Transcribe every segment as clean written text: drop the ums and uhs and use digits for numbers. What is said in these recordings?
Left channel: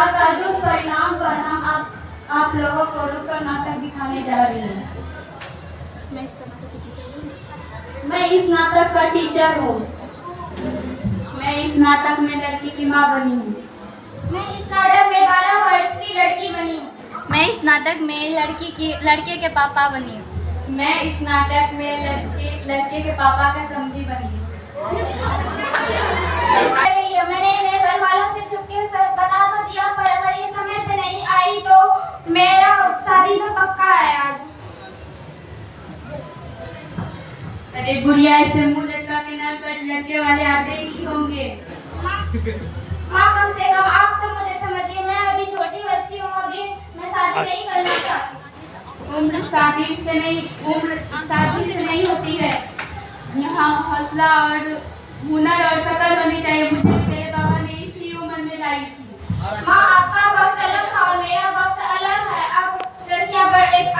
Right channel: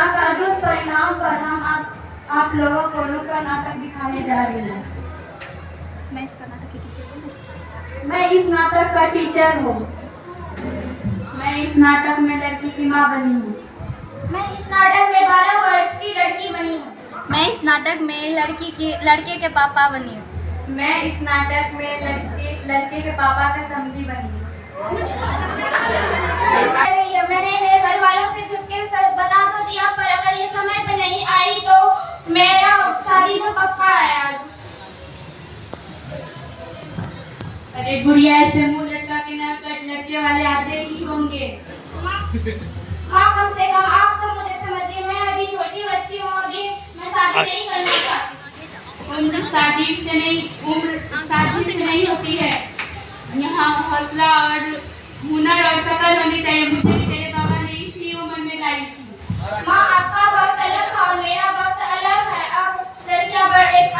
विवाह का दुष्परिणाम पर हम आप लोगों को नुक्कड़ नाटक दिखाने जा रही हूँ। मैं इस नाटक का टीचर हूँ। मैं इस नाटक में लड़की की माँ बनी हूँ। मैं इस नाटक में 12 वर्ष की लड़की बनी हूँ। मैं इस नाटक में लड़के के पापा बनी हूँ। मैं इस नाटक में लड़के के पापा का समधी बनी हूँ। मैंने मेरे घर वालों से छुपके बता तो दिया, पर अगर ये समय पे नहीं आई तो मेरा शादी तो पक्का है आज। अरे गुड़िया, ऐसे मुंह लटका के ना पर लड़के वाले आते ही होंगे। माँ कम से कम आप तो मुझे समझिए, मैं अभी छोटी बच्ची हूँ, अभी मैं शादी नहीं करना चाहती। उम्र शादी से नहीं होती है। यहाँ हौसला और हुनर और शकल होनी चाहिए। मुझे भी तेरे बाबा ने इसी उम्र में लाई थी। माँ आपका वक्त अलग था और मेरा वक्त अलग है। अब लड़कियाँ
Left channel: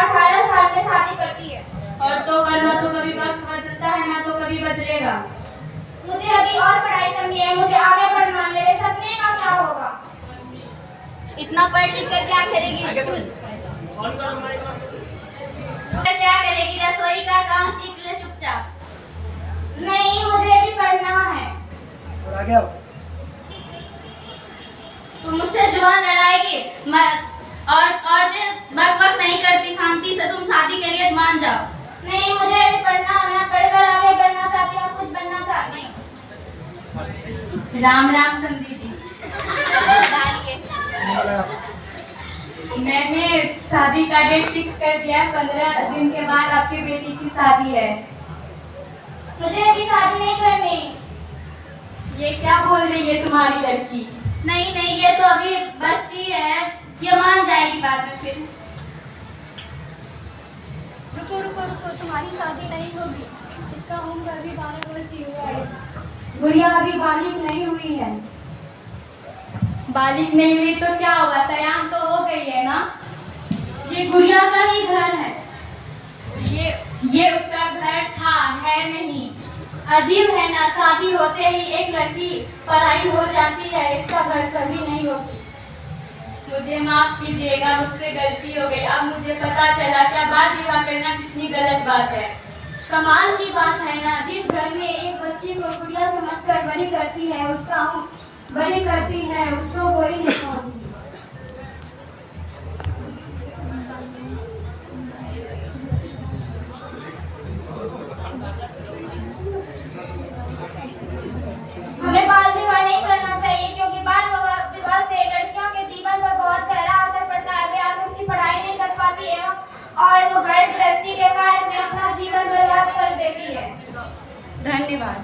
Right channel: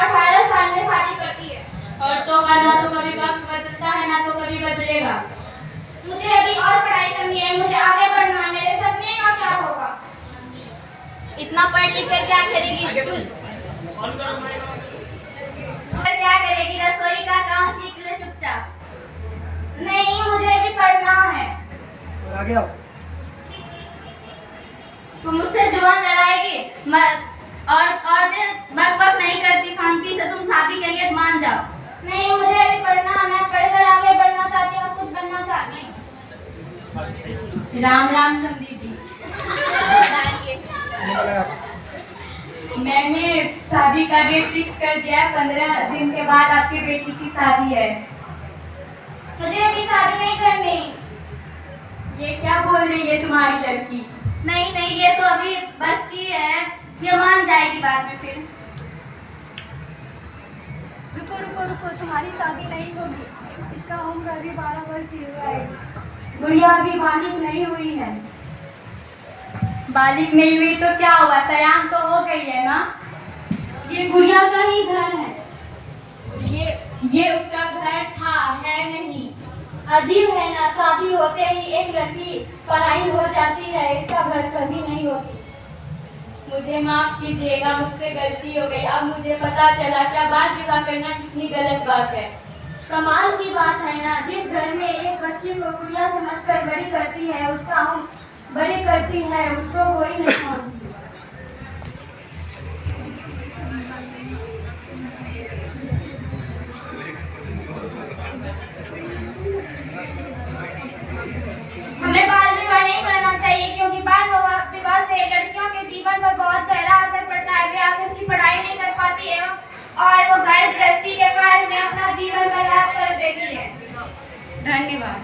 18 साल में शादी करती है। और तो ना तो कभी वक्त बदलता है, ना तो कभी बदलेगा। मुझे अभी और पढ़ाई करनी है, मुझे आगे बढ़ना है। मेरे सपने का क्या होगा? इतना पढ़ लिख कर क्या करेगी तू? क्या करेगी? रसोई का काम सीख ले चुपचाप। नहीं, मुझे भी पढ़ना है। और आगे आओ। तू मुझसे जुबान लड़ाएगी और बक नहीं करती। शांति से तुम शादी के लिए मान जाओ। नहीं, मुझे भी पढ़ना है। मैं पढ़कर आगे बढ़ना चाहती हूँ और कुछ बनना चाहती हूँ। राम राम समधी जी। मैंने शादी का डेट फिक्स कर दिया है। 15 दिन के बाद आपकी बेटी की शादी है। मुझे अभी शादी नहीं करनी। ये क्या बोल रही है तुम्हारी लड़की? नहीं, ये तो अभी बच्ची है, ये मान जाएगी बाद में फिर। रुको, तुम्हारी शादी नहीं होगी। इसका उम्र अभी 12 वर्ष ही हुआ है। गुड़िया अभी बालिग नहीं हुई है। बालिग नहीं हुई तो क्या हुआ? सयान तो हो गई है ना। ये गुड़िया का ही घर है। ये उसका घर था, है नहीं। अजीब है ना, शादी होते ही एक लड़की पराई हो जाती है। इसका घर कभी नहीं होती। मुझे माफ कीजिएगा, मुझसे गलती हो गई। अब मुझे पता चला क्या बाल विवाह करना कितनी गलत बात है। कमाल की बात है ना, जिस घर में एक बच्ची को गुड़िया समझकर बड़ी करती है, उसको कोई नहीं छोड़ती। हमें बाल विवाह नहीं करना चाहिए, क्योंकि बाल विवाह से लड़कियों के जीवन पर बहुत गहरा असर पड़ता है। वे आगे उनकी पढ़ाई नहीं कर पाती है और वो घर गृहस्थी के कार्य में अपना जीवन बर्बाद कर देती है। धन्यवाद।